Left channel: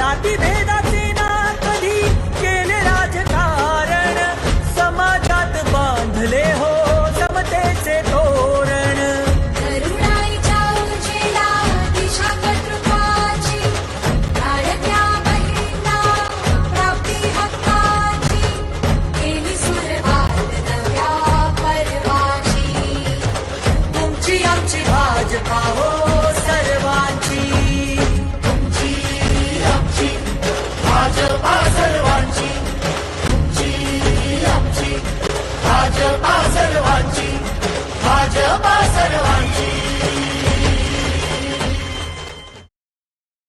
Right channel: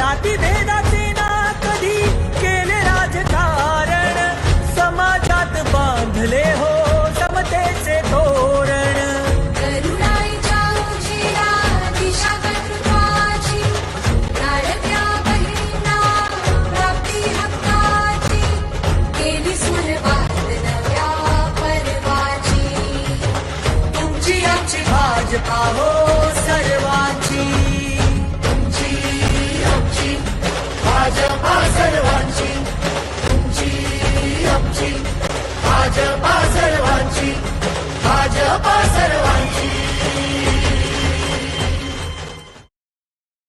जाती भेदाचे ना कधी केले राजकारण समाजात बांधले हो समतेचे तोरण। भाजपा हो।